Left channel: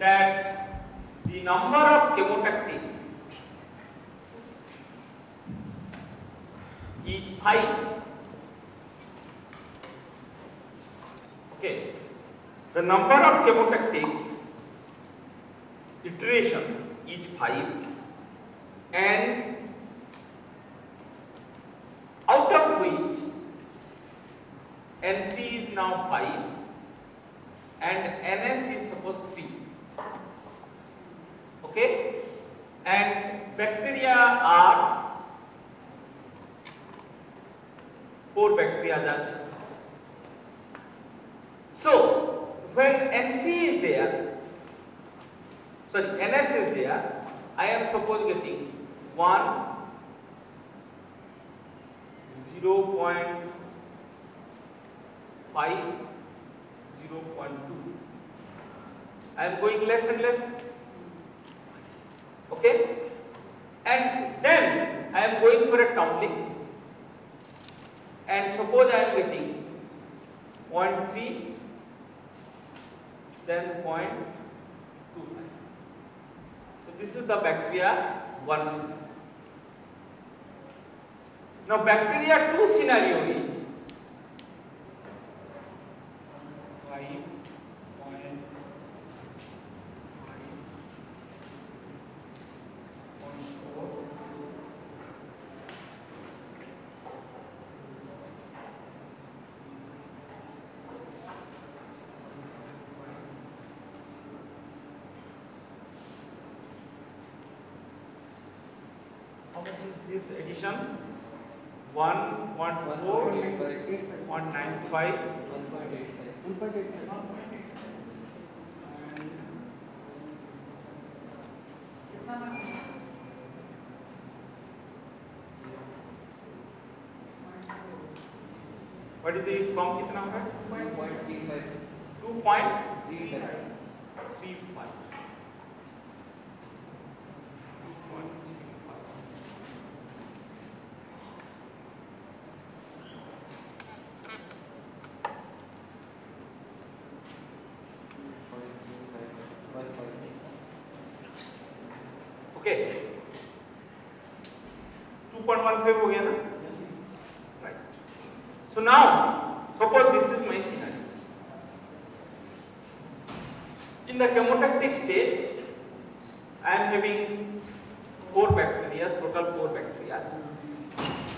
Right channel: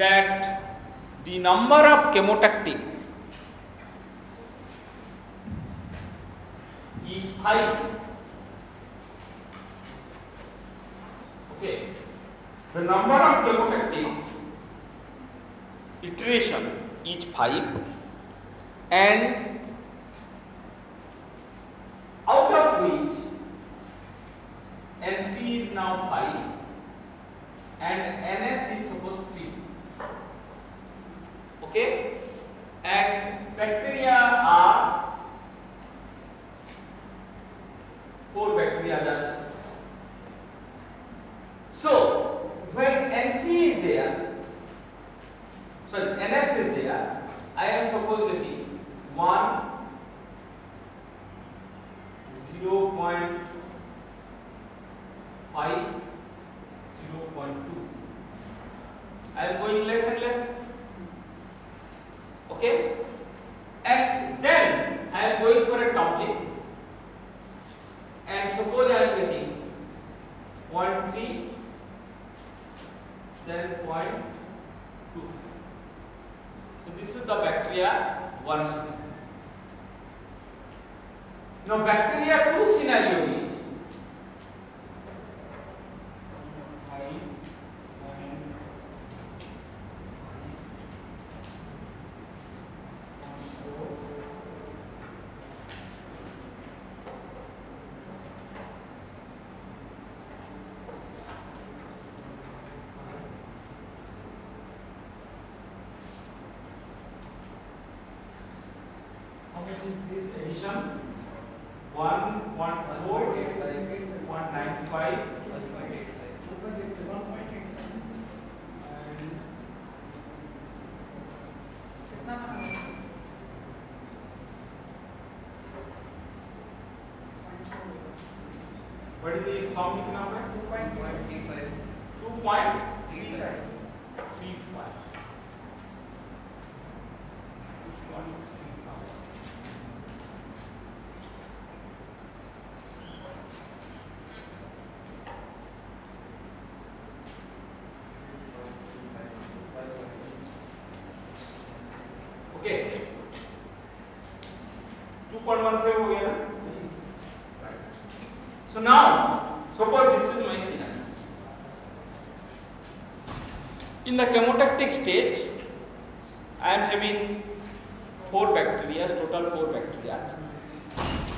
that the number of chemotactic is 5. Okay, the number of chemotactic iteration is 5, and out of which NC is now 5 and NS is suppose 3. Okay, and bacteria are 4 bacteria there. So when NC is there, sorry, NS is there, I am suppose getting 1, 0.5, 0.2. I am going less and less. Okay, and then I am going for a coupling, and suppose I am getting 0.3, then 0.25. So this is the bacteria 1 scenario. Now bacteria 2 scenario is 5. How much is this addition? 1, 1, 4, 1 times 5, 2.8, what is the sum कितना होगा? 2.35. Okay, 2.15 हो गया ना? Right. So now, suppose this is my scenario. In the chemotactic state, I am having 4 bacteria, total 4 bacteria,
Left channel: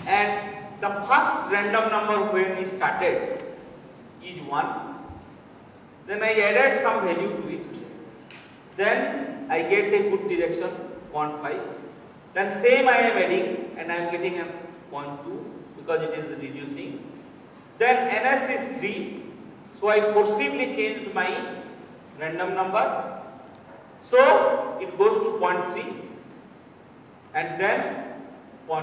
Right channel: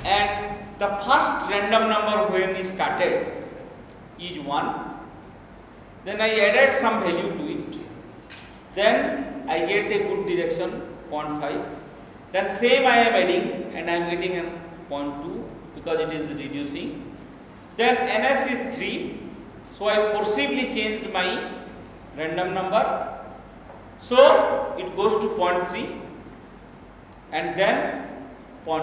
and the first random number when we started is 1. Then I added some value to it. Then I get a good direction 0.5. Then same I am adding, and I am getting a 0.2 because it is reducing. Then NS is 3, so I forcibly changed my random number. So it goes to 0.3 and then 0.2,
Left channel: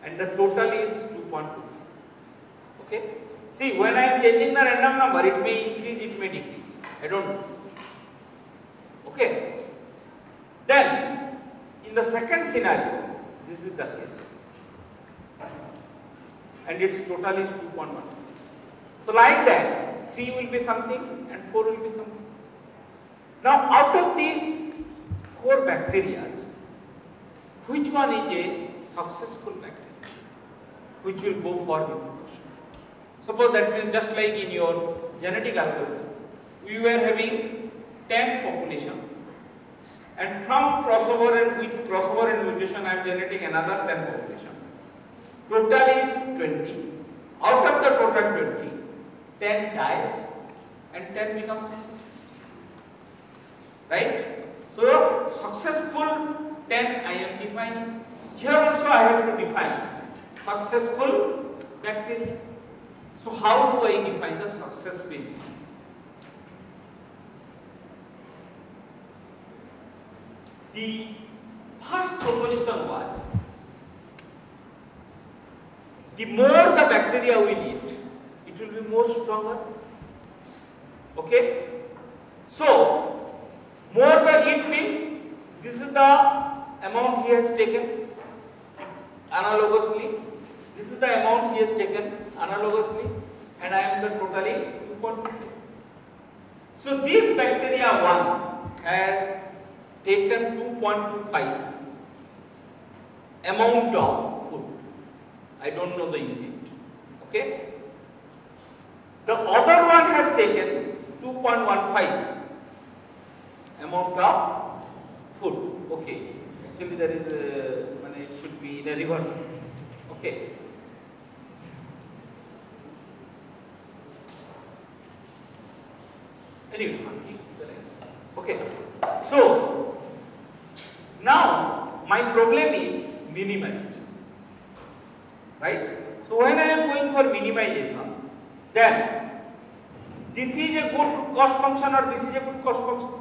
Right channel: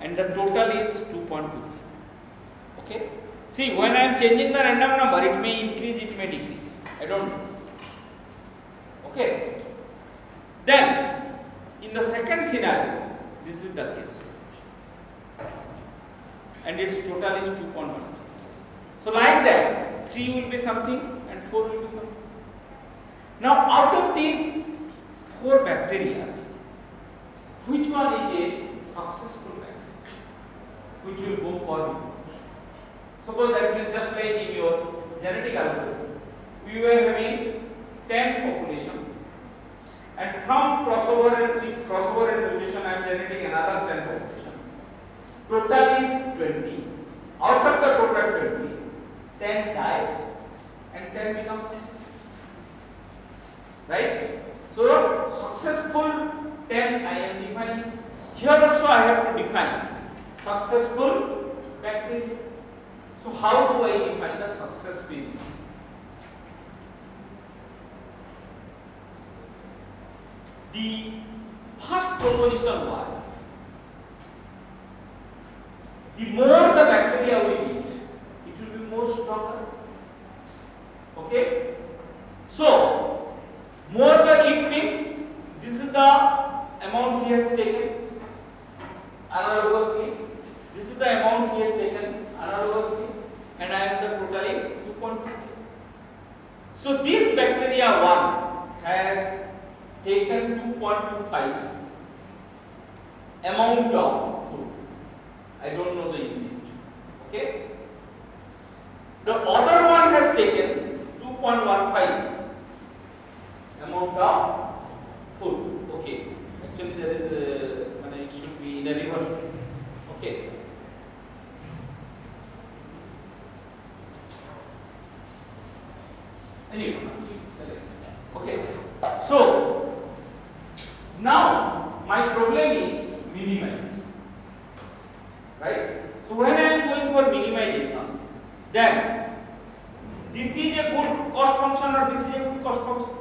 and the total is 2.2. Okay. See, when I am changing the random number, it may increase, it may decrease. I don't know. Okay. Then, in the second scenario, this is the case, and its total is 2.1. So, like that, 3 will be something and 4 will be something. Now, out of these 4 bacteria, which one is a successful bacteria, which will go forward? Suppose that means just like in your genetic algorithm, we were having 10 population, and from crossover and with crossover and mutation I am generating another 10 population. Total is 20. Out of the total 20, 10 dies and 10 becomes successful. Right? So successful 10 I am defining. Here also I have to define successful bacteria. So how do I define the success in? The first proposition was, the more the bacteria we eat, it will be more stronger. Okay? So, more the eat means, this is the amount he has taken analogously, this is the amount he has taken analogously, and I am the totaling 2.2. So this bacteria 1 has taken 2.25 amount of food. I don't know the unit. Okay. The other one has taken 2.15 amount of food. Okay. Actually, there is it should be in a reverse. Okay. Anyway, okay. So now my problem is minimize, right? So when I am going for minimization, then this is a good cost function or this is a good cost function?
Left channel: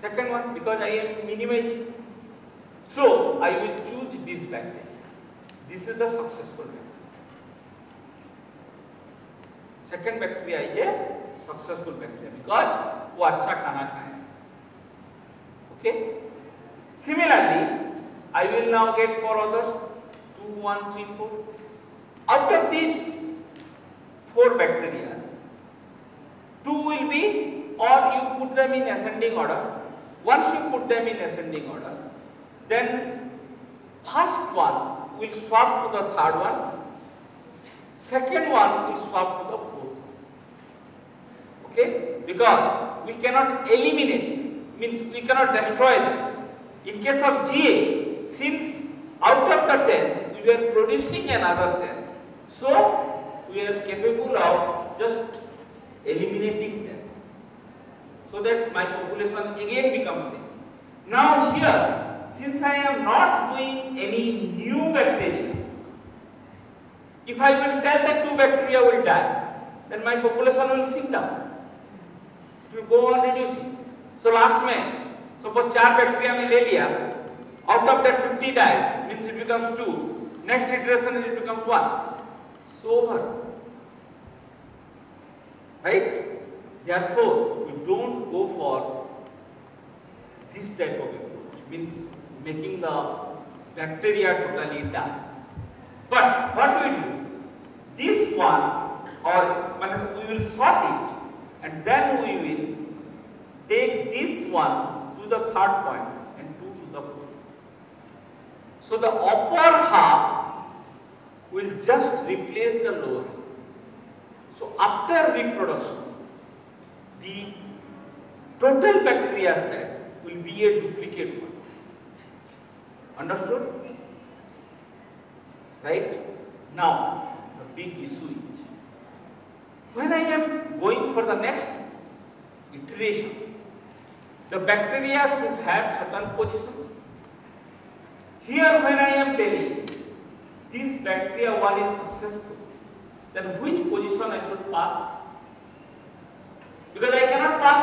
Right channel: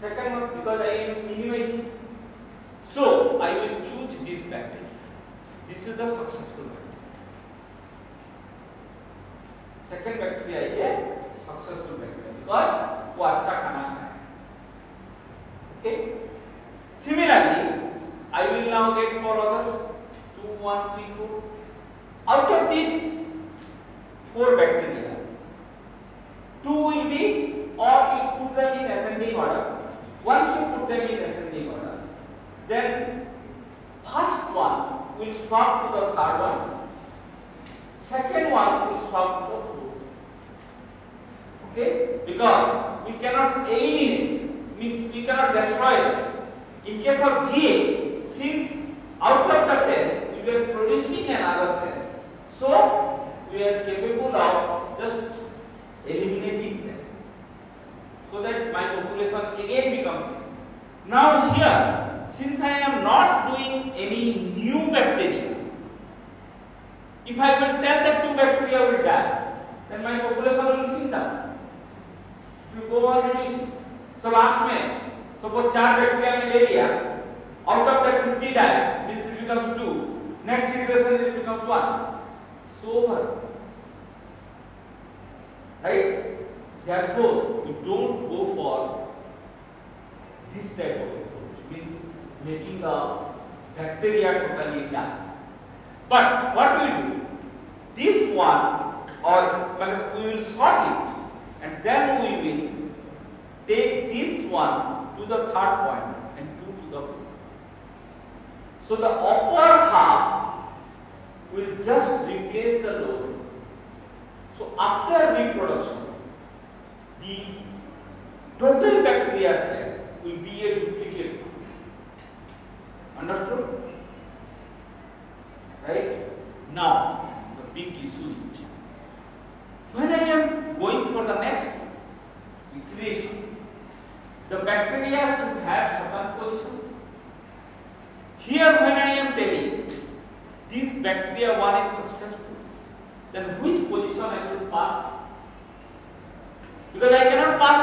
Second one, because I am minimizing. So I will choose this bacteria. This is the successful bacteria. Second bacteria is a successful bacteria because वो अच्छा खाना खाए. Okay. Similarly, I will now get 4 others. 2, 1, 3, 4. Out of these 4 bacteria, 2 will be, or you put them in ascending order. Once you put them in ascending order, then first one will swap to the third one, second one will swap to the fourth. Okay? Because we cannot eliminate, means we cannot destroy them. In case of GA, since out of the 10, we are producing another 10. So, we are capable of just eliminating them. So that my population again becomes same. Now here, since I am not doing any new bacteria, if I will tell that 2 bacteria will die, then my population will sink down. If you go on reducing. So last में, suppose 4 bacteria में ले लिया, out of that 50 die, means it becomes 2. Next iteration it becomes 1. So over. Right? Therefore, we don't go for this type of approach, means making the bacteria totally die. But what we do, this one, or we will sort it, and then we will take this one to the third point and 2 to the fourth. So the upper half will just replace the lower. So after reproduction, the total bacteria side will be a duplicate. Understood? Right? Now, the big issue is, when I am going for the next iteration, the bacteria should have certain positions. Here when I am telling this bacteria 1 is successful, then which position I should pass? Because I cannot pass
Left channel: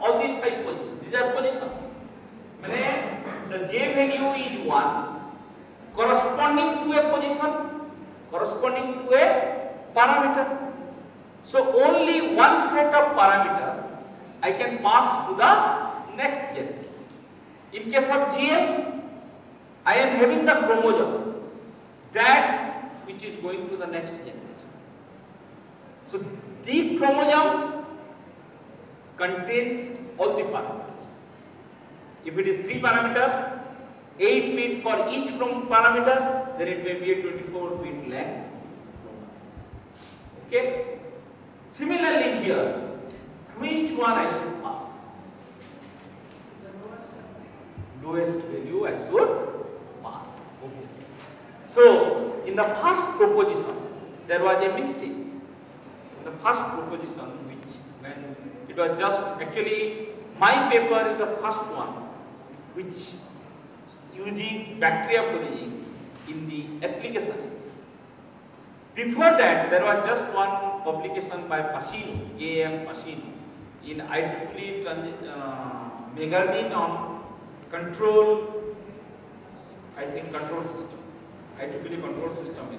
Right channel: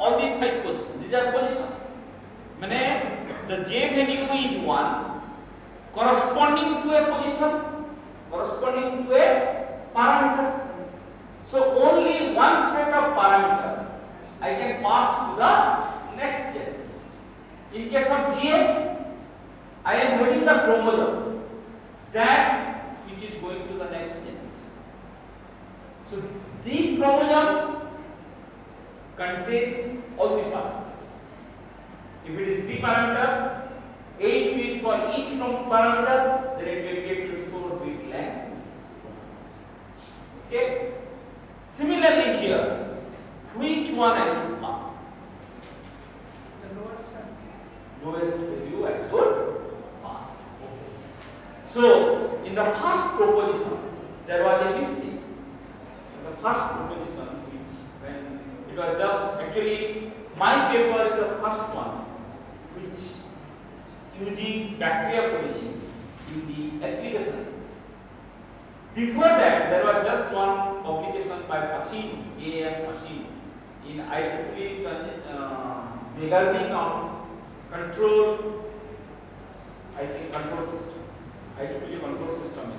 all these 5 positions. These are positions. Meaning the J value is 1 corresponding to a position, corresponding to a parameter. So only one set of parameter I can pass to the next generation. In case of GA, I am having the chromosome, that which is going to the next generation. So the chromosome contains all the parameters. If it is 3 parameters, 8 bit for each parameter, then it may be a 24-bit length. Okay. Similarly here, which one I should pass? The lowest value I should pass. Okay. So in the first proposition, there was a mistake. The first proposition, which when it was just actually my paper is the first one, which using bacteria foraging in the application. Before that, there was just one publication by Pacino, A.M. Pacino, in IEEE magazine on control, control system, IEEE control system,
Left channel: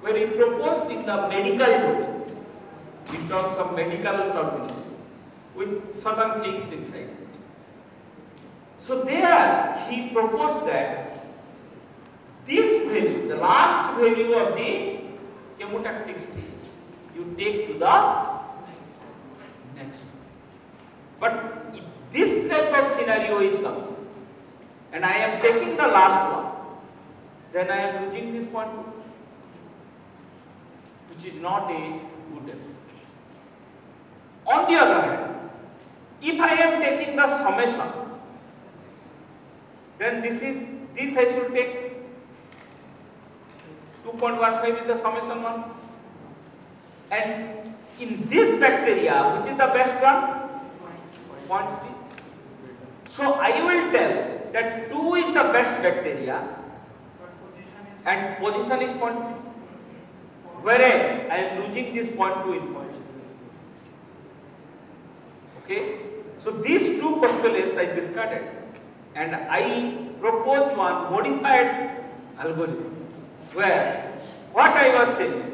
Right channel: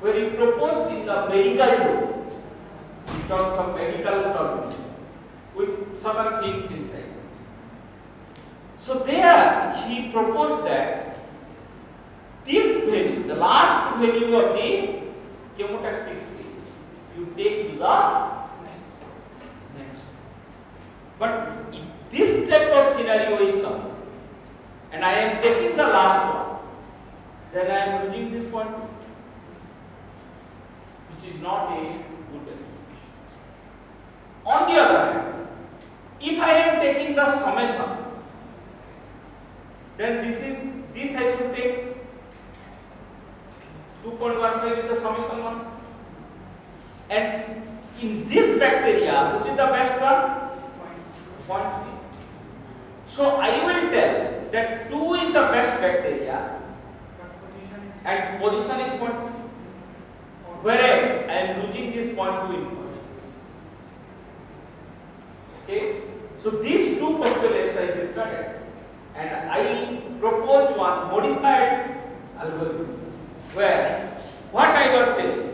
where he proposed in the medical book, in terms of medical terminology, with certain things inside. So there he proposed that this value, the last value of the chemotactic stage, you take to the next am taking the last one, then I am losing this point 2, which is not a good approach. On the other hand, if I am taking the summation, then this I should take 2.15 is the summation one, and in this bacteria, which is the best one? 0.3. So I will tell that 2 is the best bacteria and position is 0.3. Whereas I am losing this 0.2 information. Okay? So these two postulates I discarded and I proposed one modified algorithm where what I was telling,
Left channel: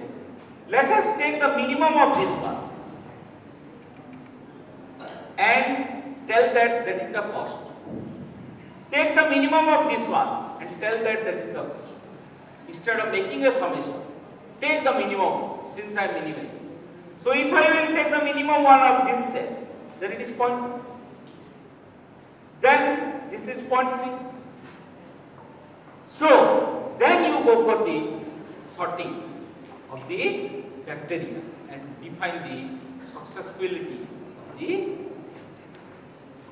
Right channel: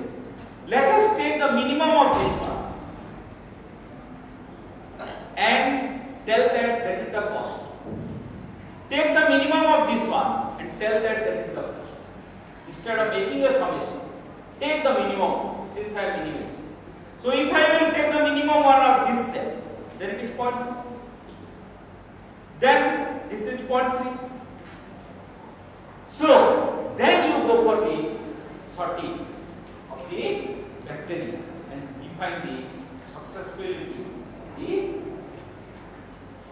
let us take the minimum of this one and tell that that is the cost. Take the minimum of this one and tell that that is the cost. Instead of making a summation, take the minimum since I am minimizing. So if I will take the minimum one of this set, then it is 0.2. Then this is 0.3. So then you go for the sorting of the bacteria and define the successfulity of the.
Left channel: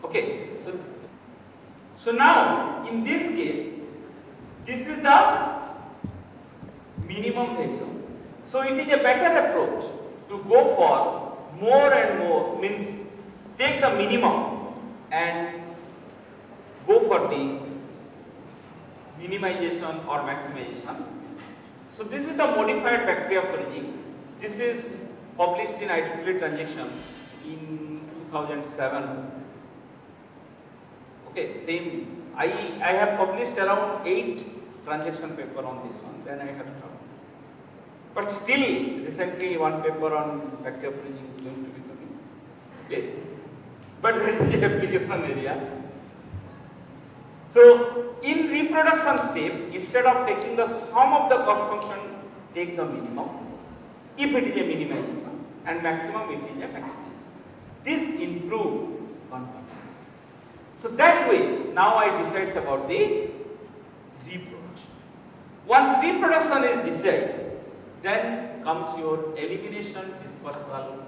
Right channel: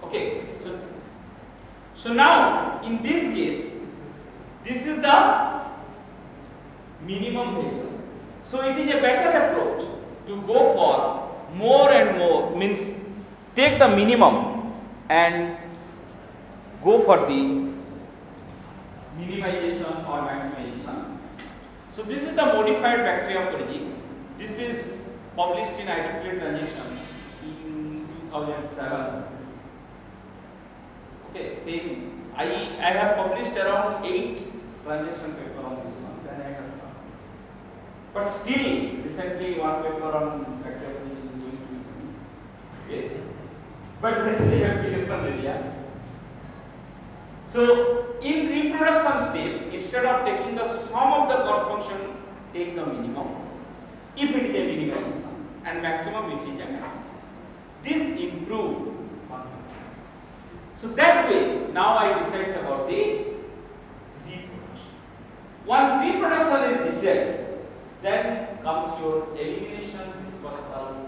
Okay. So now in this case, this is the minimum value. So it is a better approach to go for more and more, means take the minimum and go for the minimization or maximization. So this is the modified bacteriophagy. This is published in IEEE Transaction in 2007. Okay, same. I have published around 8 transaction paper on this one. Then I have done. But still, recently one paper on bacteriophagy is going to be coming. Okay, but where is the application area? So in reproduction step, instead of taking the sum of the cost function, take the minimum. If it is a minimization and maximum, it is a maximization. This improves confidence. So that way, now I decide about the reproduction. Once reproduction is decided, then comes your elimination dispersal,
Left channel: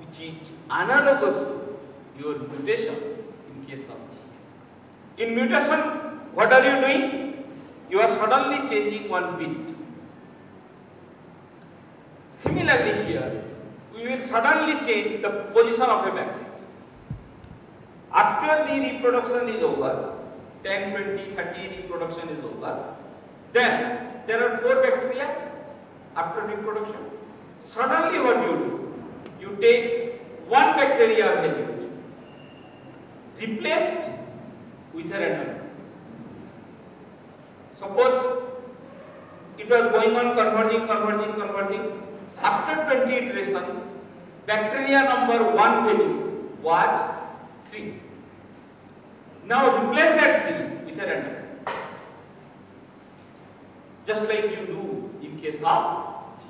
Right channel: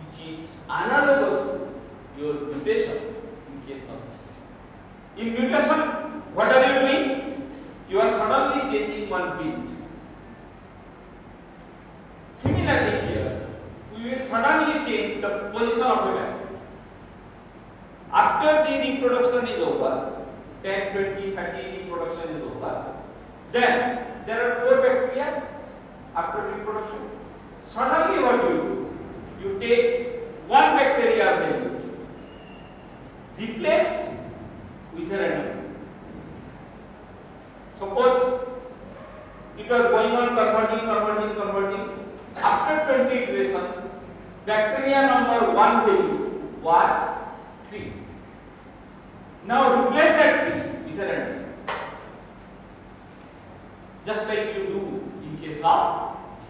which is analogous to your mutation in case of G. In mutation, what are you doing? You are suddenly changing one bit. Similarly here, we will suddenly change the position of a bacteria. After the reproduction is over, 10, 20, 30 reproduction is over, then there are 4 bacteria after reproduction. Suddenly what you do? You take one bacteria value replaced with a random. Suppose it was going on converging. After 20 iterations, bacteria number 1 value was 3. Now replace that 3 with a random. Just like you do in case of G.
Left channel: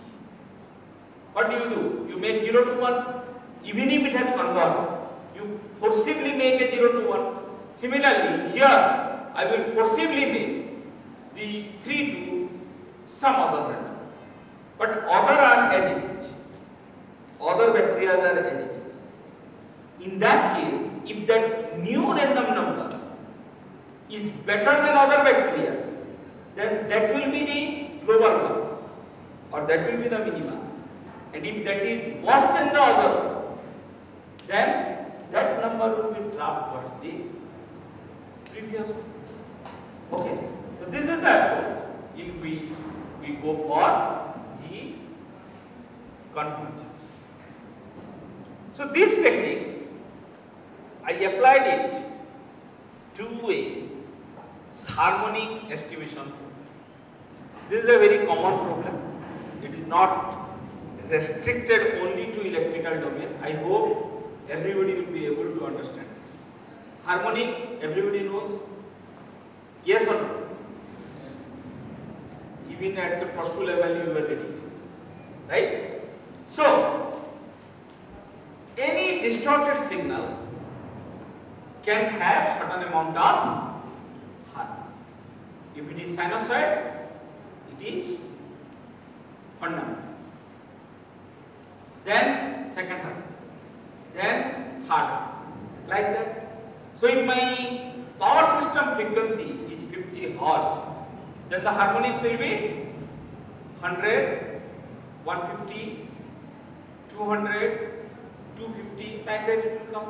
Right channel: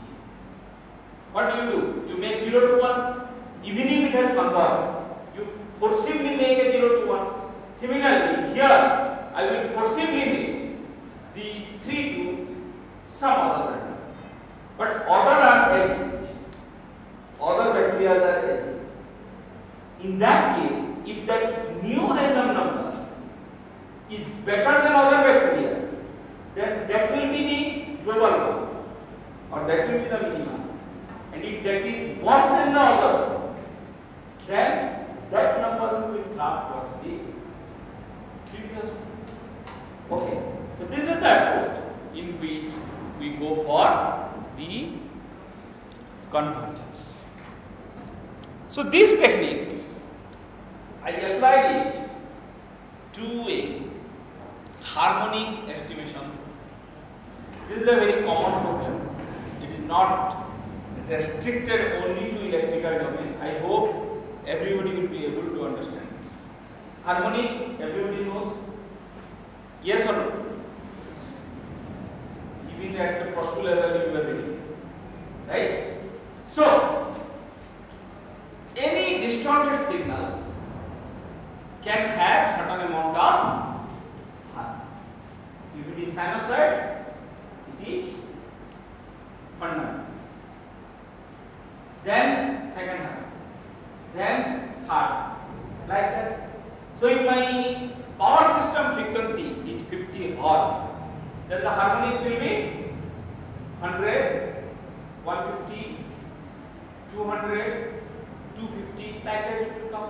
What do? You make 0 to 1. Even if it has converged, you forcibly make a 0 to 1. Similarly, here I will forcibly make the 3 to some other random. But other are as it is. Other bacteria are as it is. In that case, if that new random number is better than other bacteria, then that will be the global one, or that will be the minimum. And if that is worse than the other one, then that number will drop towards the previous one. Okay, so this is the approach in which we go for the convergence. So this technique, I applied it to a harmonic estimation. This is a very common problem. It is not restricted only to electrical domain. I hope everybody will be able to understand this. Harmonic, everybody knows? Yes or no? Even at the first level you were reading, right? So, any distorted signal can have certain amount of If it is sinusoid, it is fundamental. Then second harmonic, then third, like that. So if my power system frequency is 50 Hz, then the harmonics will be 100, 150, 200, 250, like that it will come.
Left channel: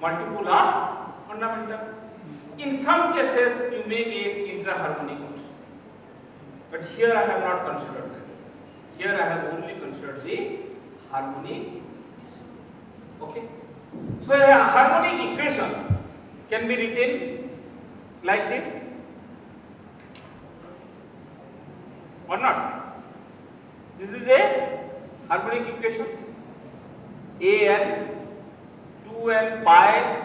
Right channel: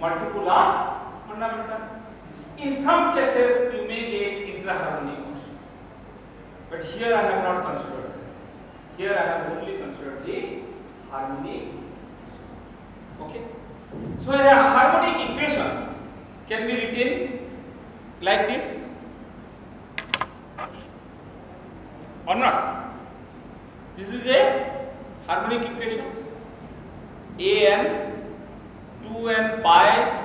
Multiple are fundamental. In some cases, you may get intra-harmonic also. But here I have not considered that. Here I have only considered the harmonic. Okay. So a harmonic equation can be written like this or not. This is a harmonic equation. An 2n pi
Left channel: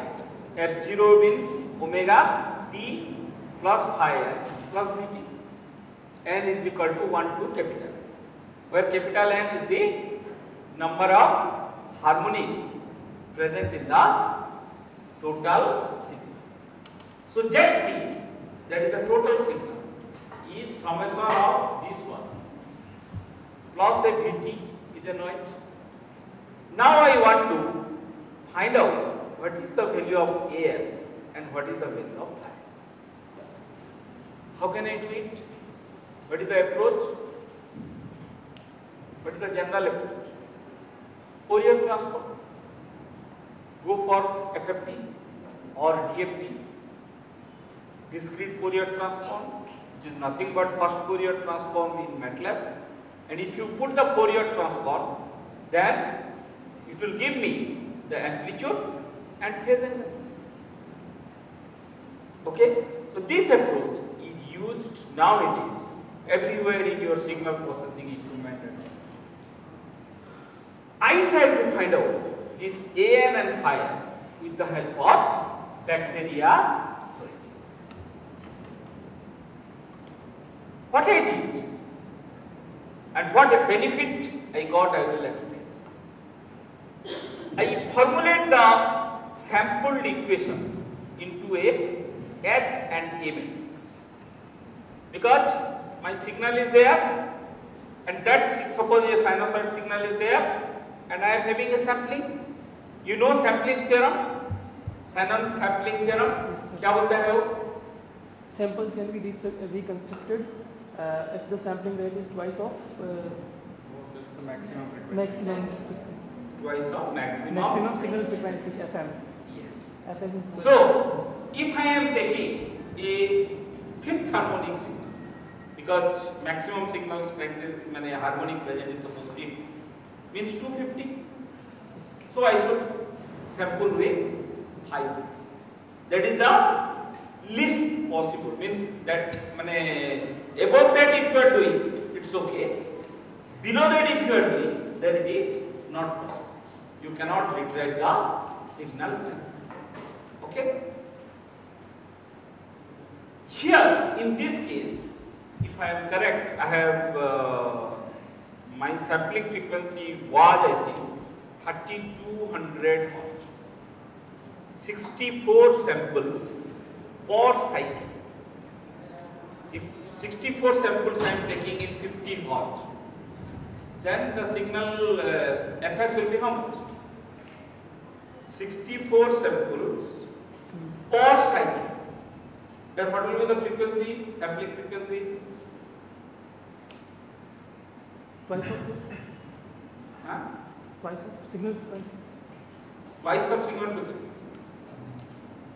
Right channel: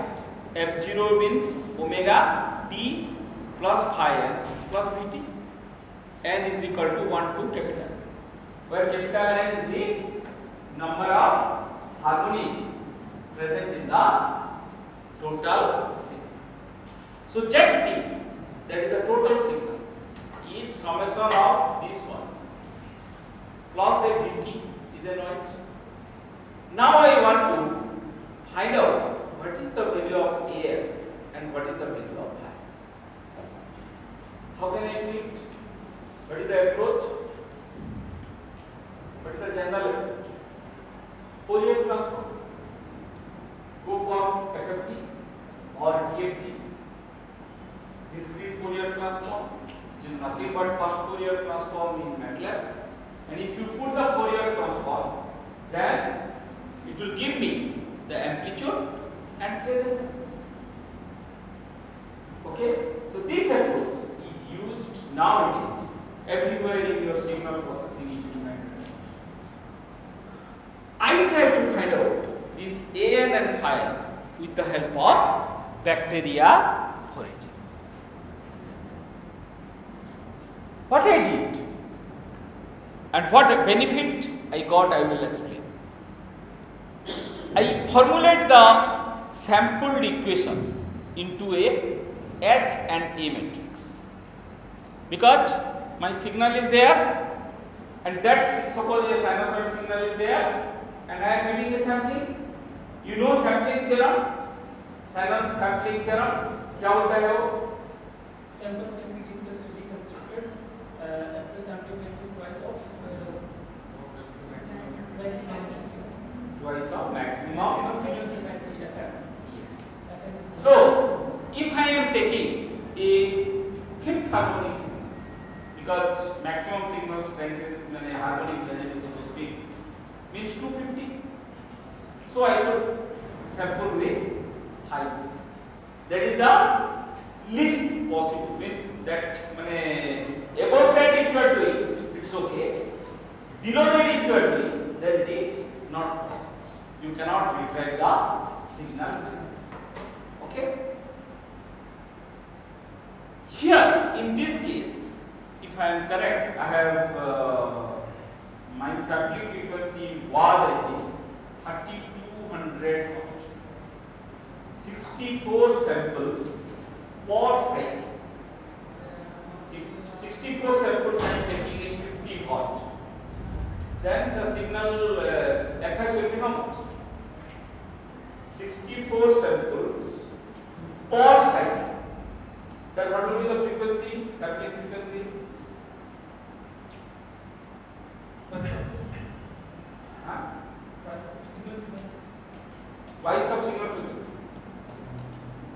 f0 means omega t plus phi n plus vt. N is equal to 1 to capital N, where capital N is the number of harmonics present in the total signal. So Zt, that is the total signal, is summation of this one plus a Vt is a noise. Now I want to find out what is the value of An and what is the value of phi. How can I do it? What is the approach? What is the general approach? Fourier transform. Go for FFT or DFT, discrete Fourier transform, which is nothing but first Fourier transform in MATLAB. And if you put the Fourier transform, then it will give me the amplitude and phase angle. Okay? So this approach is used nowadays everywhere in your signal processing equipment. I try to find out this An and phi n with the help of bacteria origin. What I did and what a benefit I got, I will explain. I formulate the sampled equations into a H and A matrix because my signal is there and that suppose a sinusoid signal is there and I am having a sampling. You know sampling theorem, Shannon's sampling theorem. क्या होता है वो? Samples can be reconstructed if the sampling rate is twice of maximum. Twice of maximum signal frequency FM. Yes. So if I am taking a fifth harmonic signal, because maximum signal strength in a harmonic legend is supposed to be means 250. So I should sample with 5. That is the least possible. Means that above that if you are doing, it's okay. Below that if you are doing, then it is not possible. You cannot retrieve the signal. Okay. Here in this case, if I am correct, I have my sampling frequency was I think 3200 Hz, 64 samples per cycle. If 64 samples I am taking in 50 Hz, then the signal fs will be how much? 64 samples per cycle. Then what will be the frequency, sampling frequency? Twice of this? Huh? Twice of signal frequency. Twice of signal frequency.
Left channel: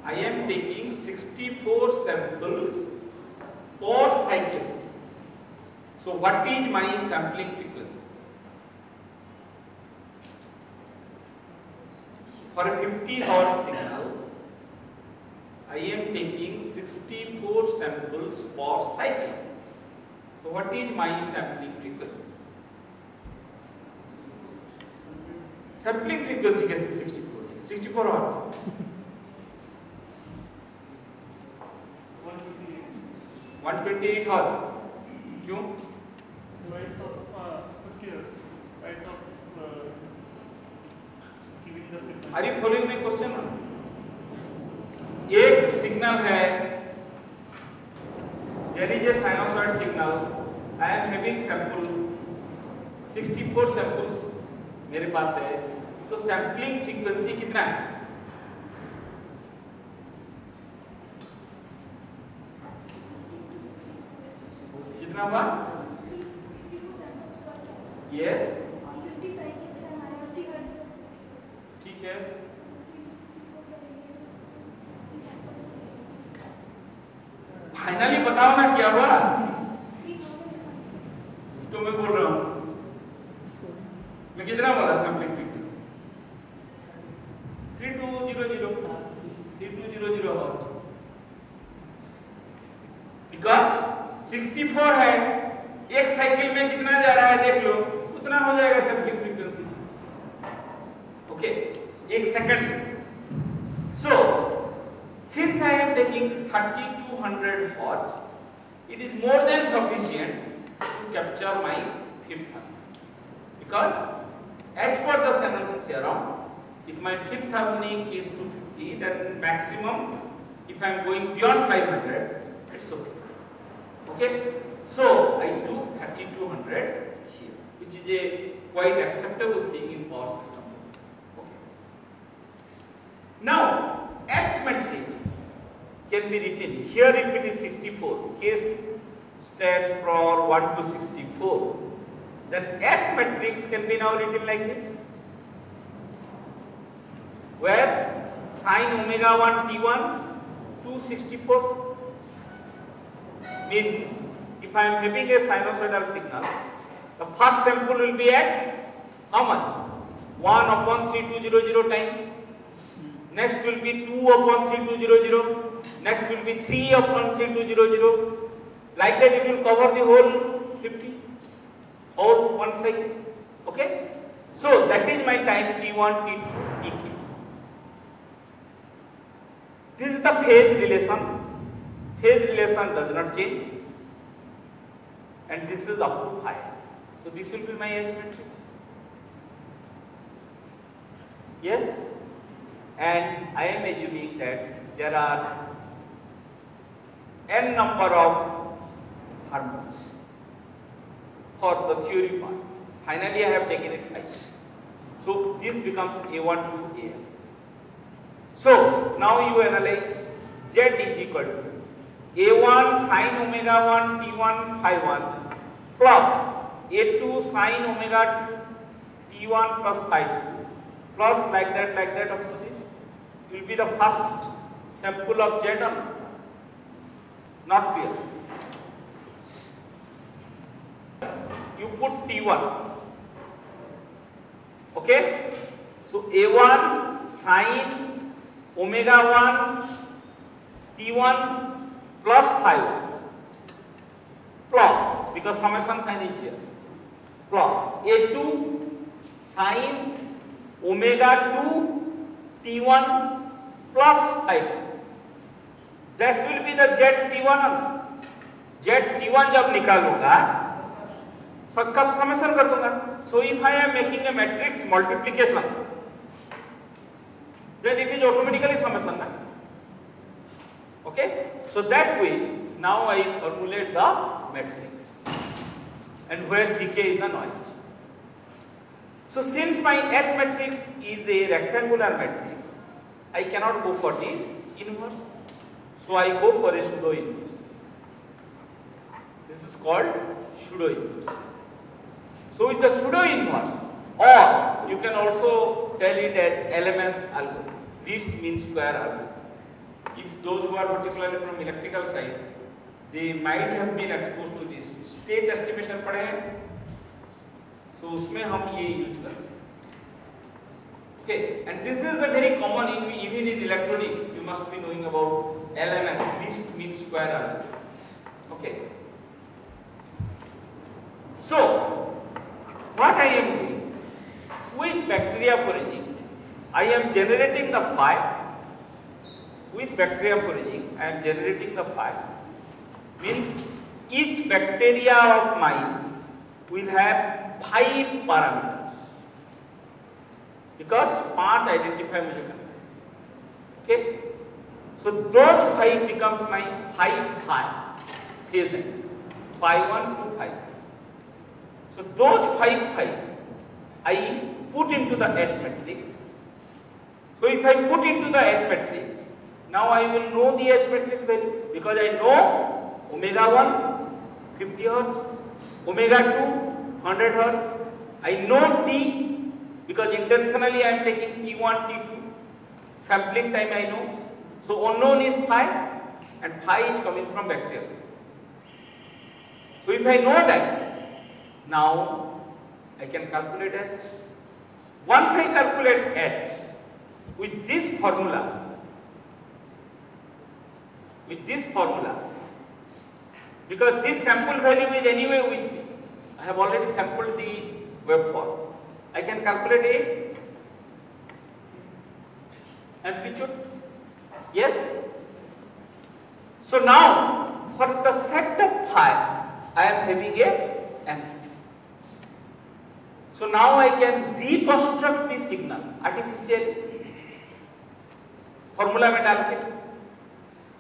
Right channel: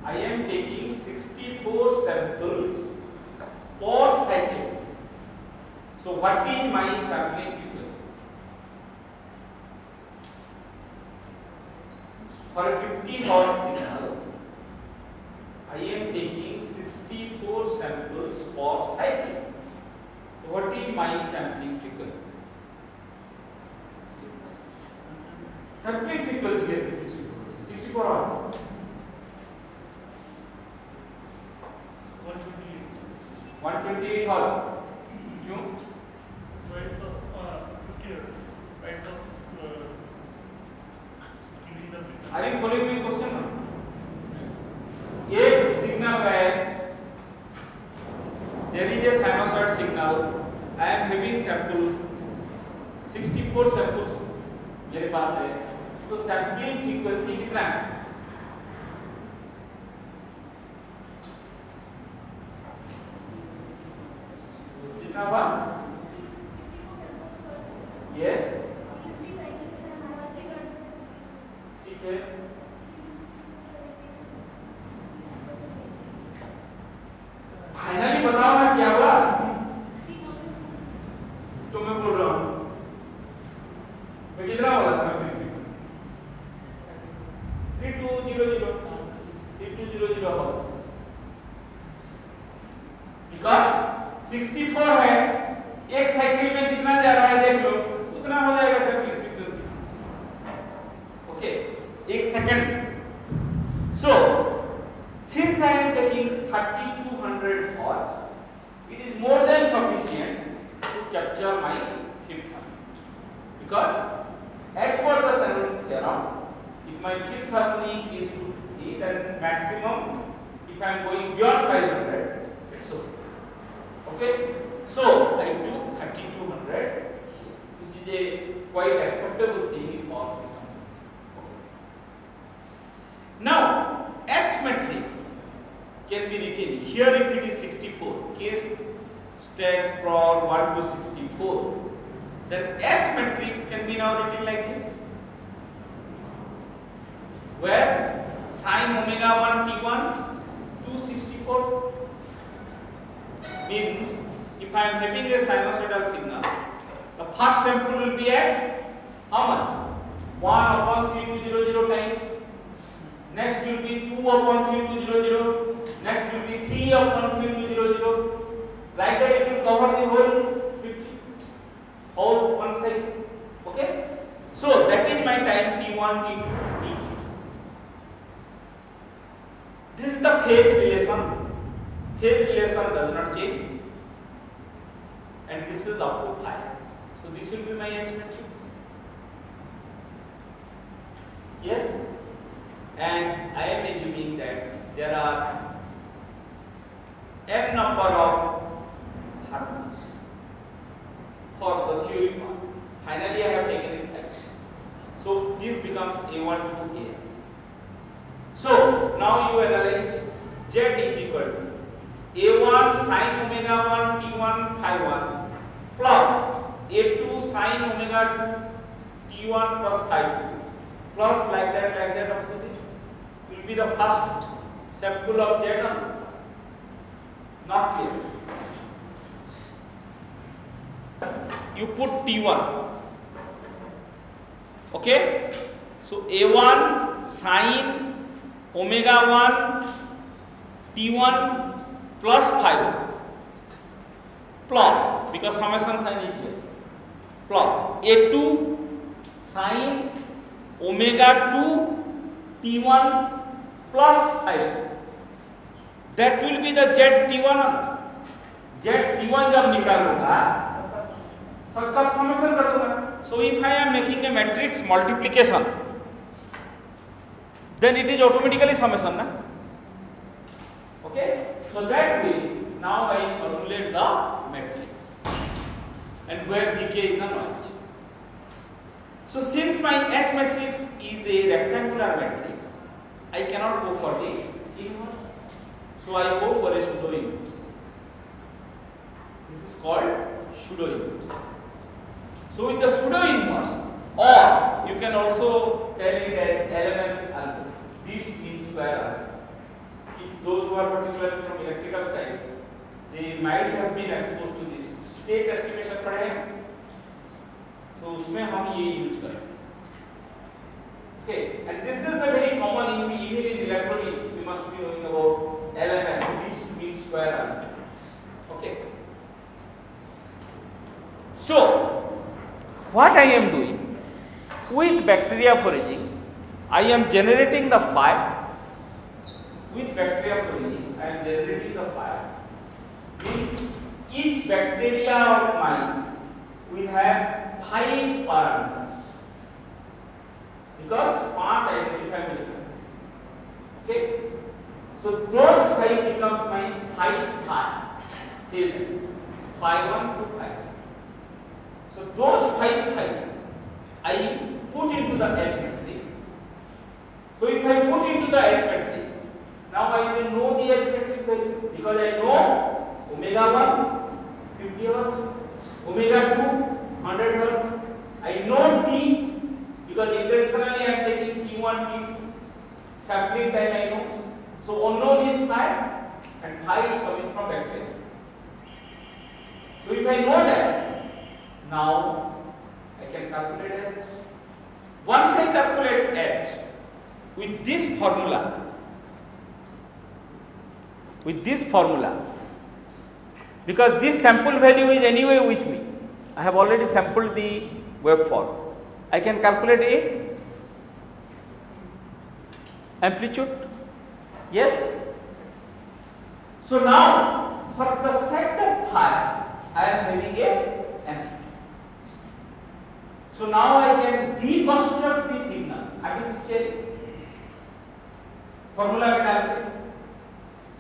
I am taking 64 samples per cycle. So what is my sampling frequency? For a 50 Hz signal, I am taking 64 samples per cycle. So what is my sampling frequency? Sampling frequency कैसे 64? 64 और 128 Hz. क्यों? Are you following my question? एक signal है there is a sinusoid signal. I am having sample 64 samples मेरे पास है, तो sampling frequency कितना है? कितना हुआ? यस, ठीक है। फाइनली बताओ ना क्या हुआ? तो मैं बोल रहा हूं, मैं कितना बोला सैम्पलिंग फ्रीक्वेंसी? 3200 3200 बिकॉज 64 है, एक साइकिल में कितना जा रहा है देख लो, उतना हो जाएगा सैम्पलिंग फ्रीक्वेंसी। ओके, एक second. So since I am taking 3200 Hz, it is more than sufficient to capture my fifth harmony, because as per the Shanon's theorem, if my fifth harmony is 250, then maximum, if I am going beyond 500, it's okay. Okay, so I took 3200 here, which is a quite acceptable thing in power system. Okay. Now H matrix can be written here. If it is 64, K stands for what to 64, then H matrix can be now written like this, where sin omega 1 t1 264 means if I am having a sinusoidal signal, the first sample will be at how much? 1/3200 time. Next will be 2/3200. Next will be 3/3200. Like that it will cover the whole 50, whole one cycle. Okay? So that is my time t1, t2, tk. This is the phase relation. Phase relation does not change. And this is up to 5. So this will be my H matrix. Yes? And I am assuming that there are n number of harmonies for the theory part. Finally, I have taken it right. So this becomes A1 to A. So now you analyze Z is equal to A1 sin omega 1 T1 phi 1 plus A2 sin omega T1 plus phi 2 plus like that up to this will be the first sample of Z number. Not clear. You put T1. Okay? So A1 sin omega 1 T1 plus phi 1 plus, because summation sign is here, plus A2 sin omega 2 T1 plus phi 2. That will be the ZT1. ZT1 जब निकालूंगा सबका summation कर दूंगा. So if I am making a matrix multiplication, then it is automatically summation, na? Okay? So that way, now I formulate the matrix, and where decay is the noise. So since my H matrix is a rectangular matrix, I cannot go for the inverse. So I go for a pseudo inverse. This is called pseudo inverse. So with the pseudo inverse, or you can also tell it as LMS algorithm, least mean square algorithm. If those who are particularly from electrical side, they might have been exposed to this. State estimation पढ़े हैं, so उसमें हम ये use करेंगे. Okay, and this is a very common even in electronics. You must be knowing about LMS, least mean square algorithm. Okay. So what I am doing with bacteriophoraging, I am generating the phi. With bacteriophoraging, I am generating the phi. Means each bacteria of mine will have 5 parameters, because 5 identify molecule. Okay. So those 5 becomes my 5 phi. phase vector, phi 1 to phi 2. So those 5 I put into the H matrix. So if I put into the H matrix, now I will know the H matrix value because I know omega 1 50 Hz, omega 2 100 Hz. I know T because intentionally I am taking T1, T2. Sampling time I know. So unknown is phi and phi is coming from bacteria. So if I know that, now I can calculate H. Once I calculate H with this formula, because this sample value is anyway with me, I have already sampled the waveform. I can calculate A amplitude. Yes. So now for the set of phi, I am having a amplitude. So now I can reconstruct the signal artificially. Formula में डाल के.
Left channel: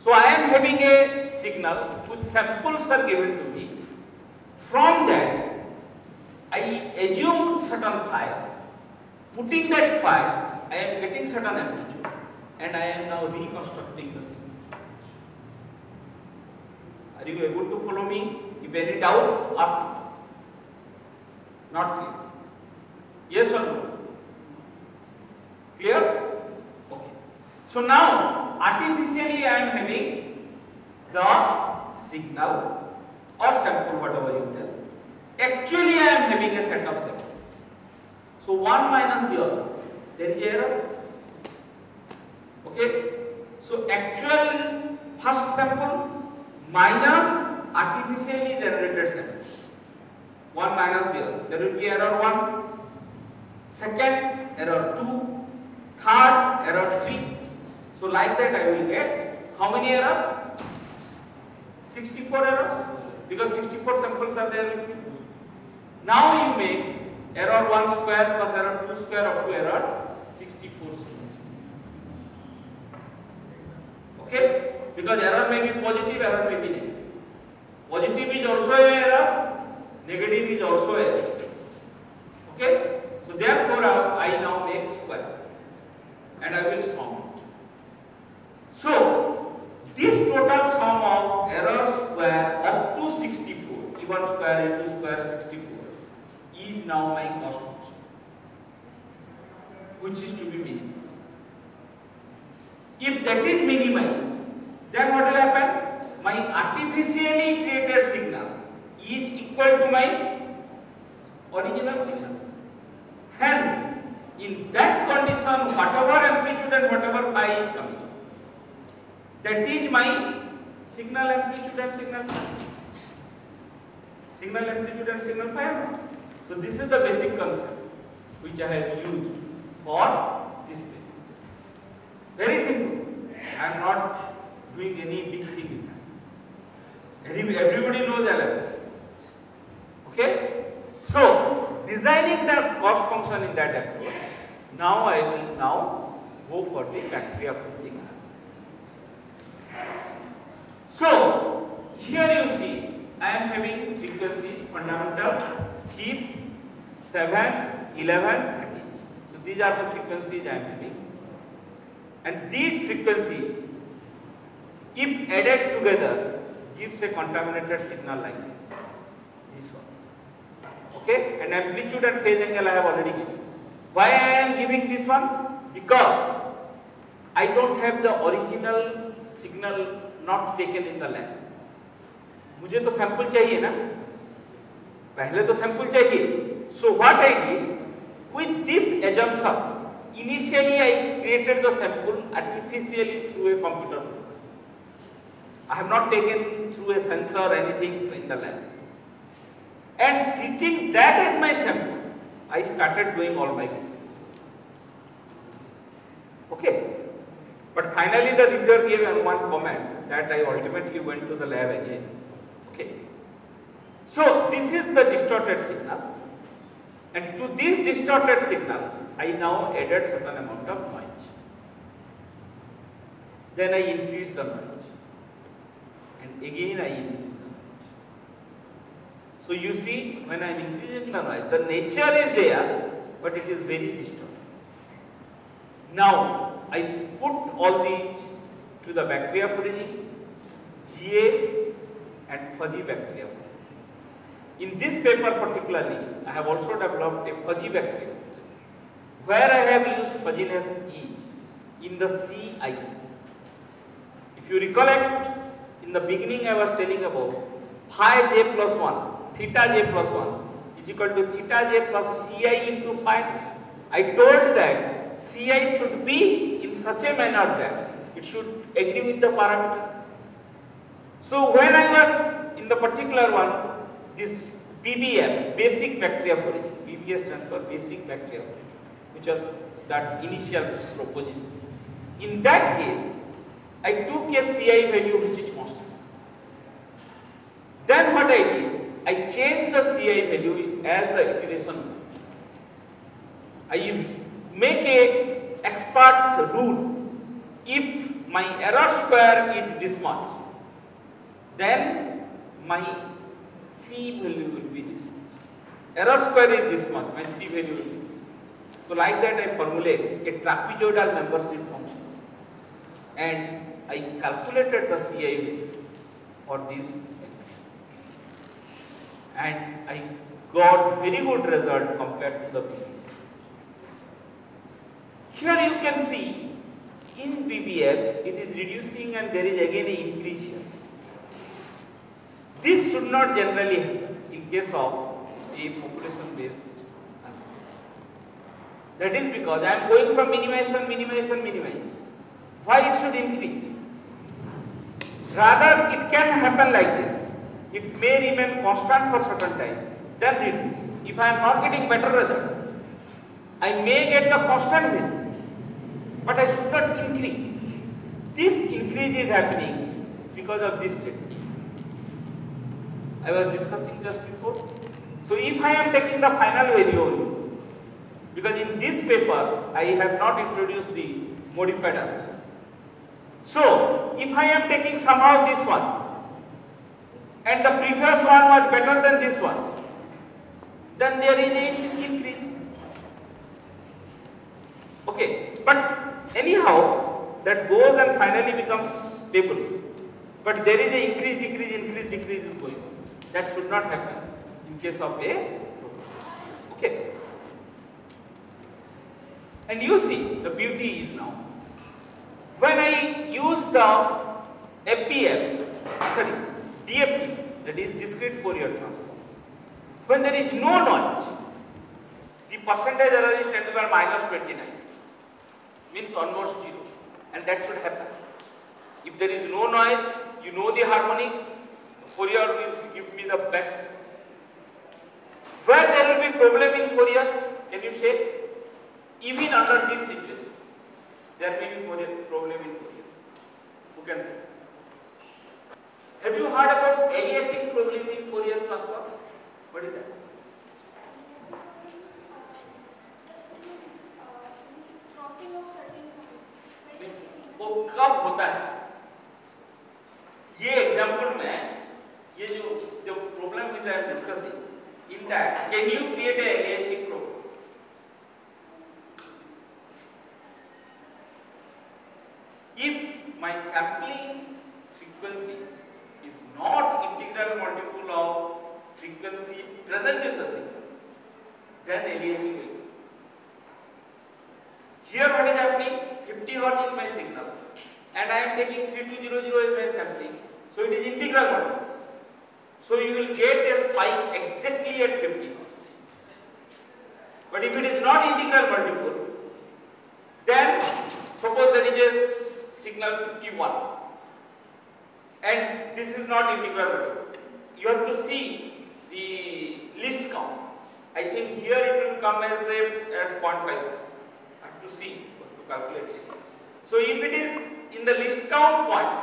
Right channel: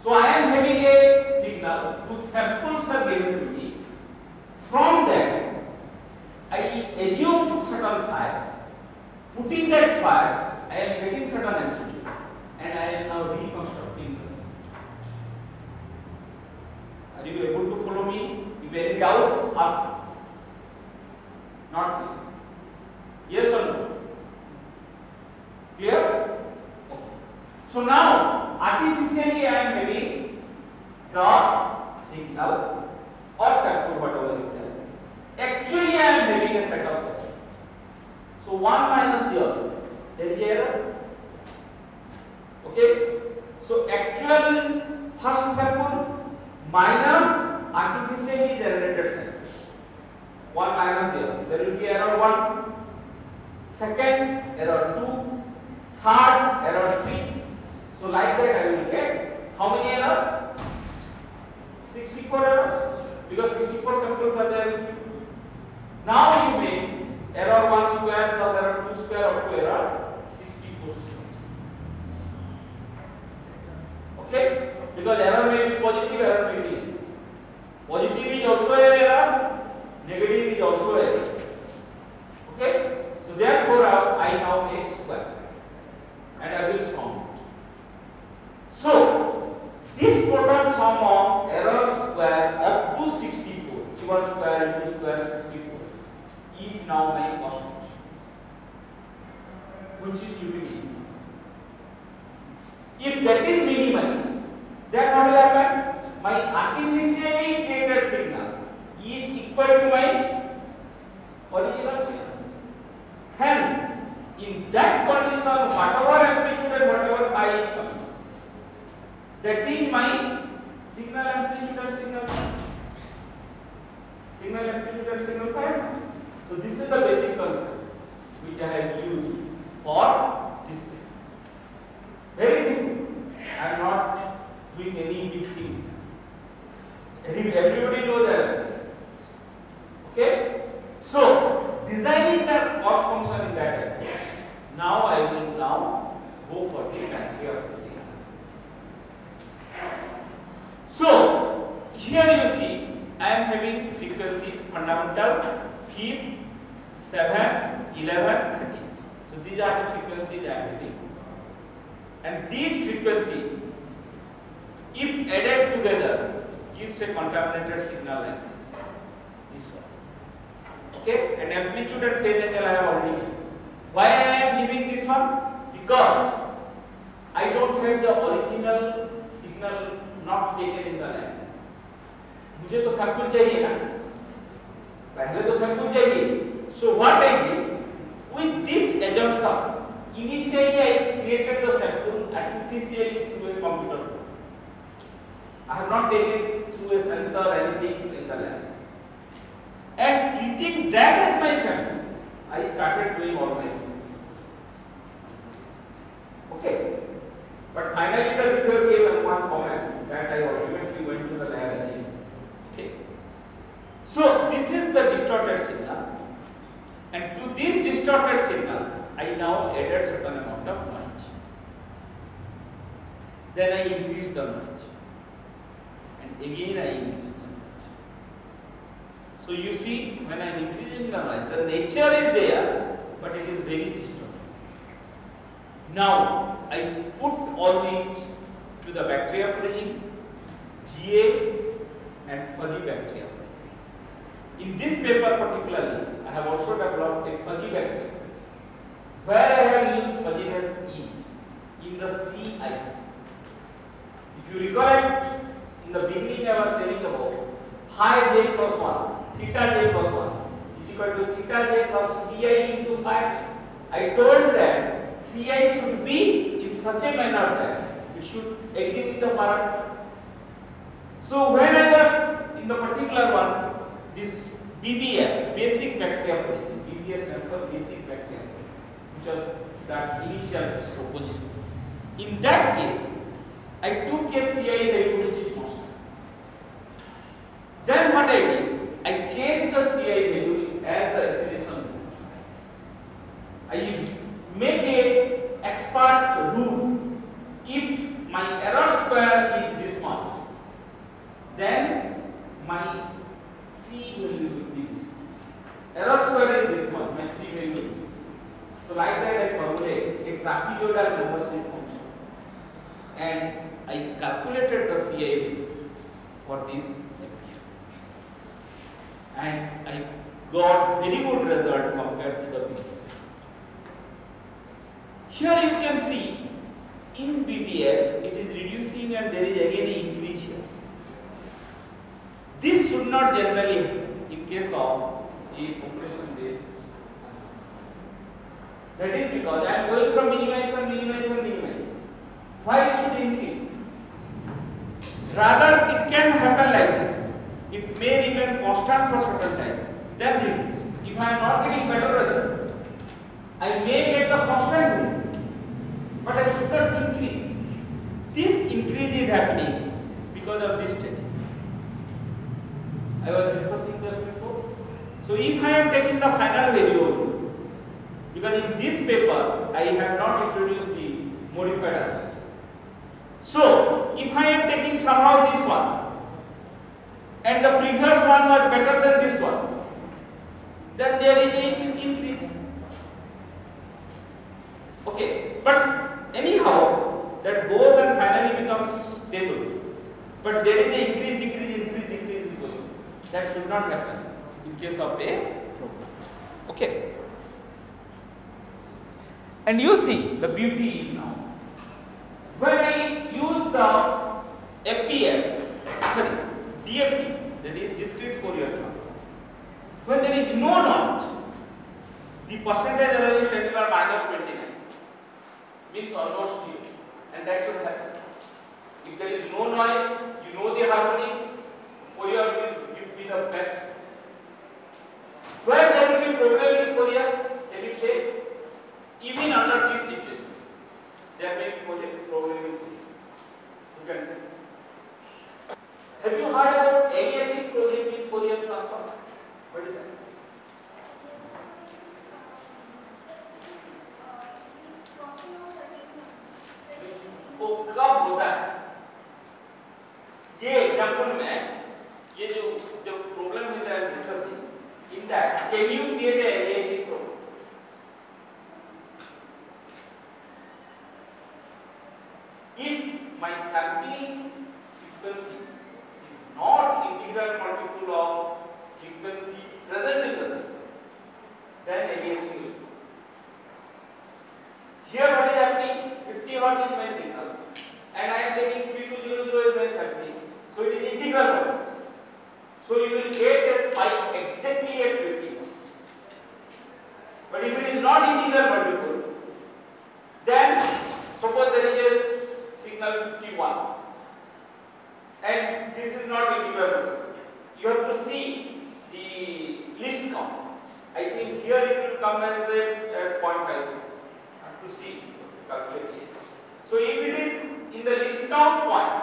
So I am having a signal whose samples are given to me. From that, I assume certain phi. Putting that phi, I am getting certain amplitude, and I am now reconstructing the signal. Are you able to follow me? If any doubt, ask me. Not clear? Yes or no? Clear? Okay. So now, artificially I am having the signal or sample, whatever you tell. Actually I am having a set of samples. So one minus the other, there is error. Okay? So actual first sample minus artificially generated sample. One minus the other. There will be error 1. Second, error 2. Third, error 3. So like that I will get how many errors? 64 errors. Because 64 samples are there with me. Now you make error 1 square plus error 2 square up to error 64 square. Okay? Because error may be positive, error may be negative. Positive is also an error, negative is also an error. Okay? So therefore I now make square and I will sum it. So this total sum of error square up to 64, even square into square 64, is now my cost function, which is to be minimized. If that is minimized, then what will happen? My artificially created signal is equal to my original signal. Hence, in that condition, whatever amplitude and whatever phi is coming, that is my signal amplitude and signal phi. Signal amplitude and signal phi. So this is the basic concept which I have used for this thing. Very simple. I am not doing any big thing. Everybody knows LMS. Okay? So designing the cost function in that approach. Now I will now go for the bacteria fitting. So here you see I am having frequencies fundamental, keep, 7, 11, 13. So these are the frequencies I am having. And these frequencies, if added together, gives a contaminated signal like this. This one. Okay? And amplitude and phase angle I have already given. Why I am giving this one? Because I don't have the original signal not taken in the lab. मुझे तो sample चाहिए ना, पहले तो sample चाहिए. So what I did with this assumption, initially I created the sample artificially through a computer. I have not taken through a sensor or anything in the lab. And treating that as my sample, I started doing all my things. Okay. But finally the reviewer gave one comment that I ultimately went to the lab again. Okay. So this is the distorted signal, and to this distorted signal I now added certain amount of noise. Then I increased the noise, and again I increased the noise. So you see, when I am increasing the noise, the nature is there, but it is very distorted. Now I put all these to the bacteria foraging, GA and fuzzy bacteria. In this paper particularly, I have also developed a fuzzy bacteria. Where I have used fuzziness is in the CI. If you recollect, in the beginning I was telling about phi j plus 1, theta j plus 1 is equal to theta j plus Ci into phi. I told that Ci should be in such a manner that it should agree with the parameter. So when I was in the particular one, this BBF, basic bacteria foraging, BBS stands for basic bacteria foraging, which was that initial proposition. In that case, I took a Ci value which is constant. Then what I did, I changed the Ci value as the iteration. I make a expert rule. If my error square is this much, then my C value will be this much. Error square is this much, my C value will be this. So like that I formulate a trapezoidal membership function. And I calculated the Ci value for this equation. And I got very good result compared to the BBF. Here you can see in BBF it is reducing and there is again an increase here. This should not generally happen in case of a population based. That is because I am going from minimization. Why it should increase? Rather it can happen like this. It may remain constant for certain time, then reduce. If I am not getting better result, I may get the constant value, but I should not increase. This increase is happening because of this technique I was discussing just before. So if I am taking the final value, because in this paper I have not introduced the modified algorithm. So if I am taking somehow this one, and the previous one was better than this one, then there is an increase. Okay, but anyhow, that goes and finally becomes stable. But there is an increase, decrease is going on. That should not happen in case of a program. Okay. And you see, the beauty is now, when I use the DFT, that is discrete Fourier transform, when there is no noise, the percentage error is 10 to the minus 29, means almost 0, and that should happen. If there is no noise, you know the harmonic, Fourier will give me the best. Where there will be problem in Fourier, can you say? Even under this situation, there may be problem in Fourier. Who can say? Have you heard about aliasing problem in Fourier transform? What is that? वो कब होता है? ये example में ये जो problem is I am discussing, in that can you create a aliasing problem? If my sampling frequency is not integral multiple of frequency present in the signal, then aliasing will be. Here what is happening? 50 Hz is my signal and I am taking 3200 as my sampling, so it is integral multiple. So you will get a spike exactly at 50. But if it is not integral multiple, then suppose there is a signal 51 and this is not integral multiple. You have to see the list count. I think here it will come as 0.5. To see, to calculate it. So if it is in the list count point,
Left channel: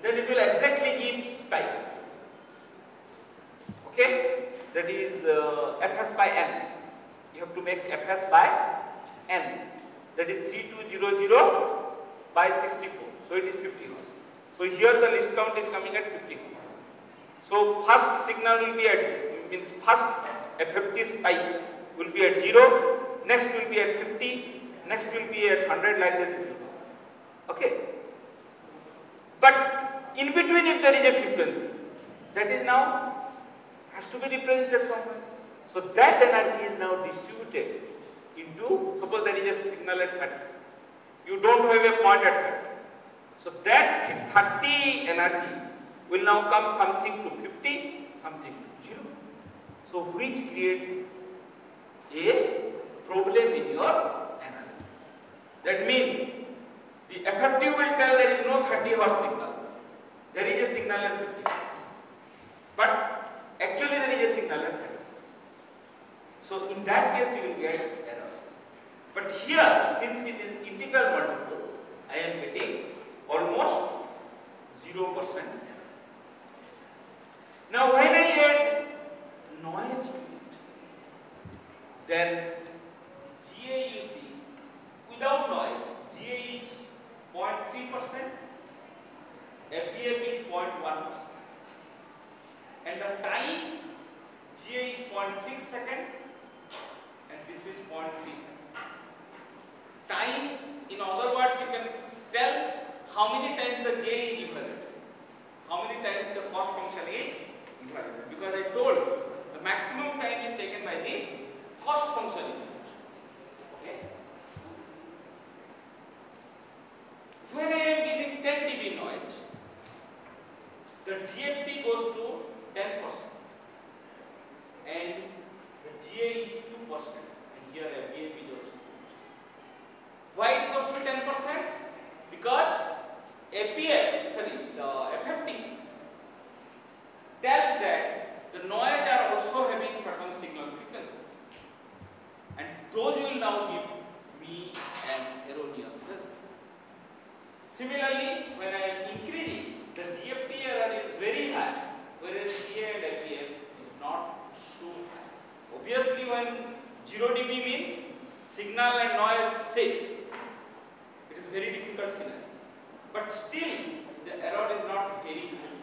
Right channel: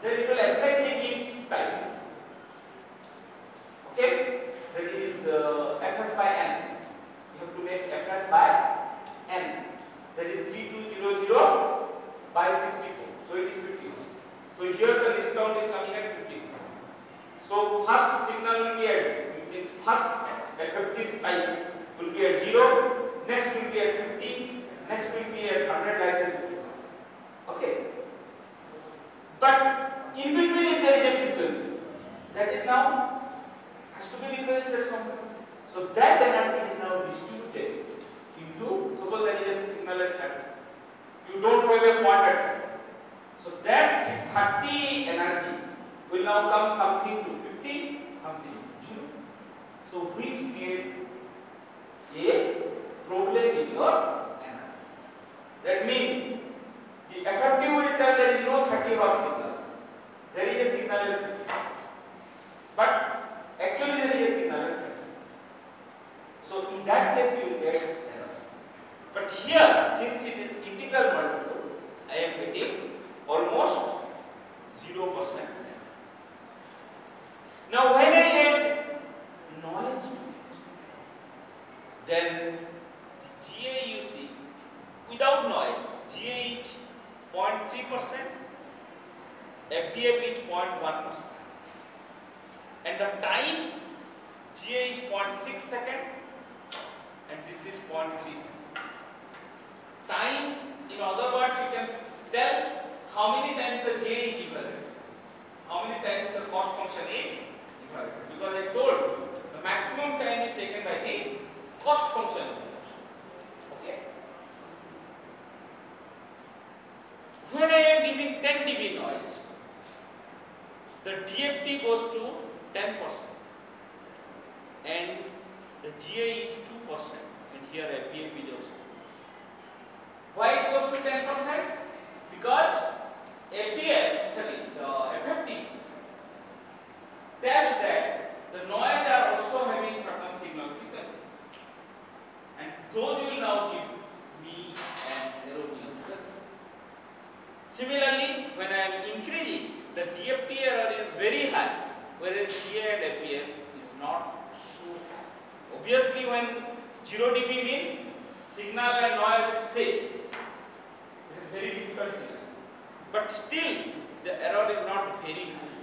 then it will exactly give spikes. Okay, that is fs by n. You have to make fs by n. That is 3200 by 64. So it is 50. So here the list count is coming at 50. So first signal will be at, means first FFT spike will be at 0, next will be at 50, next will be at 100, like that. Okay. But in between, if there is a frequency, that is now has to be represented somewhere. So that energy is now distributed into, suppose there is a signal at 30. You don't have a point at 30. So that 30 energy will now come something to 50, something to 0. So which creates a problem in your analysis. That means the effective will tell there is no 30 Hz signal. There is a signal at 50. But actually there is a signal at 30. So in that case you will get error. But here, since it is integral multiple, I am getting almost 0% error. Now when I add noise to it, then the GA you see, without noise, GA is 0.3%, FBF is 0.1%, and the time GA is 0.6 seconds, and this is 0.3 seconds. Time, in other words, you can tell how many times the GA is evaluated, how many times the cost function is evaluated, because I told the maximum time is taken by the cost function. Okay. When I am giving 10 dB noise, the DFT goes to 10%, and the GA is 2%, and here FBF is also 2%. Why it goes to 10%? Because the FFT tells that the noise are also having certain signal frequency, and those will now give me an erroneous result. Similarly, when I am increasing, the DFT error is very high, whereas GA and FBF is not so high. Obviously, when 0 dB means signal and noise same, it is very difficult signal. But still, the error is not very good.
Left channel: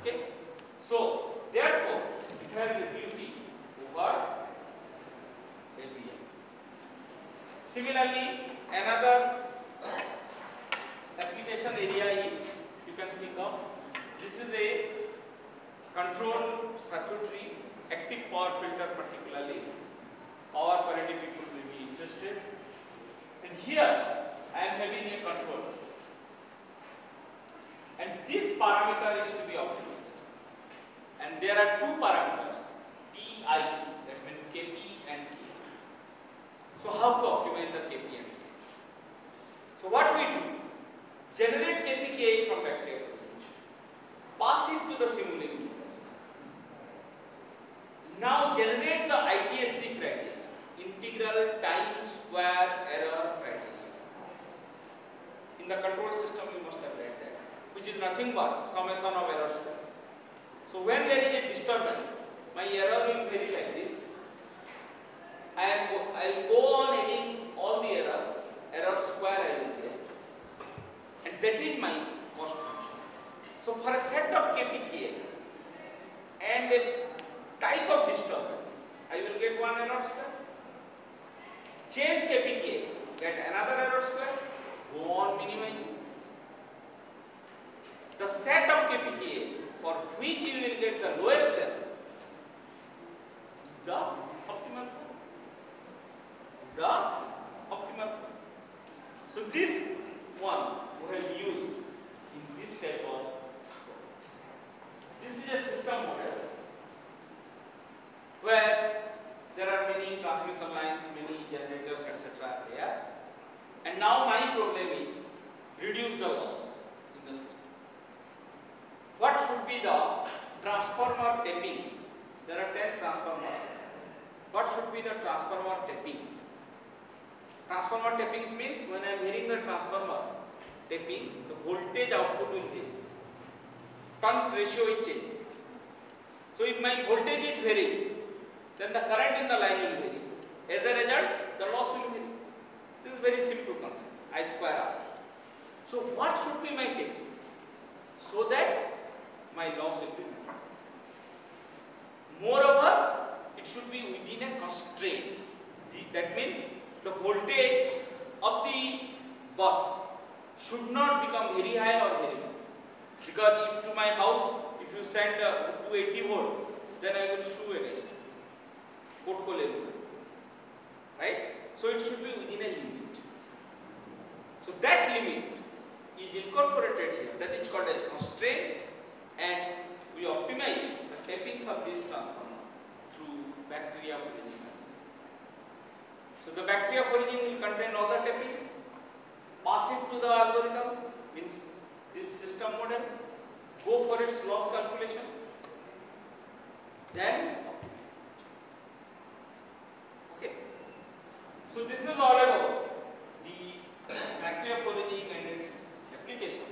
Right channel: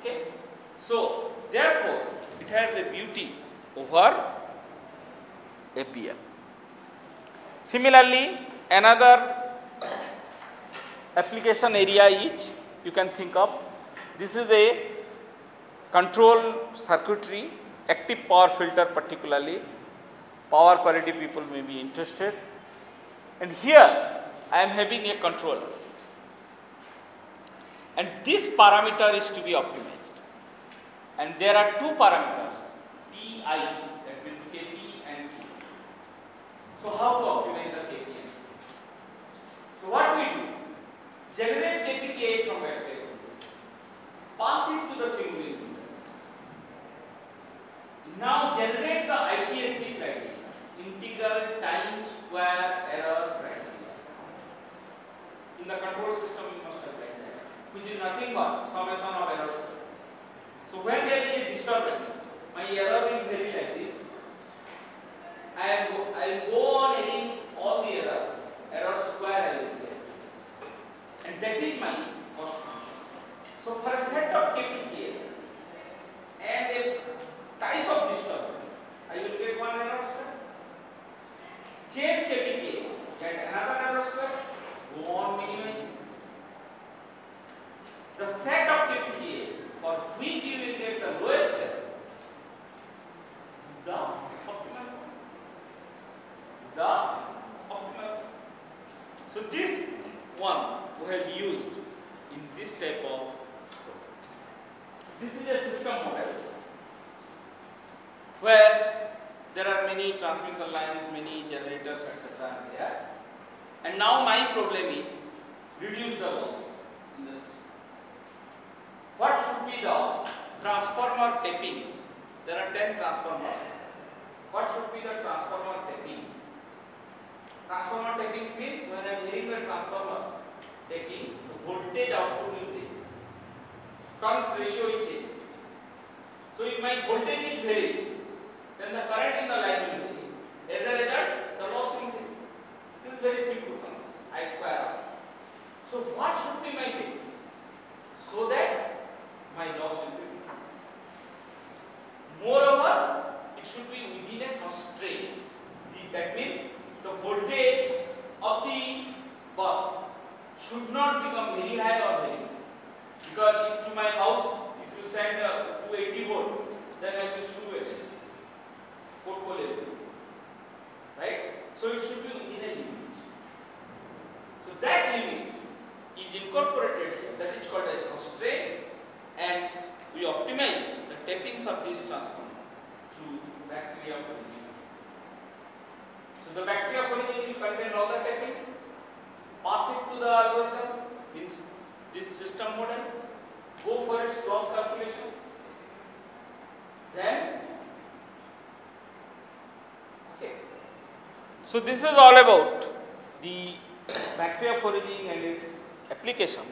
Okay? So, therefore, it has a beauty over FBF. Similarly, another application area is, you can think of, this is a control circuitry, active power filter particularly, power quality people may be interested. And here I am having a controller, and this parameter is to be optimized, and there are two parameters, PI, that means KP and K. So how to optimize the KP and K? So what we do, generate KPK from vector, pass it to the simulation. Now generate the ITSC criteria, integral time square error criteria. In the control system you must have read that, which is nothing but summation of error square. So when there is a disturbance, my error will vary like this. I will go on adding all the error square I will get, and that is my cost function. So for a set of KPK and a type of disturbance, I will get one error square. Change KPK, get another error square, go on minimizing. The set of KPK for which you will get the lowest error is the optimal point. So this one we have used in this type of, this is a system model where there are many transmission lines, many generators, etc. there. And now my problem is reduce the loss in the system. What should be the transformer tappings? There are 10 transformers. What should be the transformer tappings? Transformer tappings means when I am hearing the transformer tapping, the voltage output will change. Turns ratio is changing. So if my voltage is varying, then the current in the line will vary. As a result, the loss will vary. This is very simple concept. I square R. So what should be my technique? So that my my loss will be minimal. Moreover, it should be within a constraint. That means the voltage of the bus should not become very high or very low. Because if to my house, if you send 280 volt, then I will show a test. Right? So it should be within a limit. So that limit is incorporated here. That is called as constraint, and we optimize the tappings of this transformer through battery of origin. So the battery of origin will contain all the tappings, pass it to the algorithm, this system model, go for its loss calculation, then okay. So this is all about the battery of origin and its application.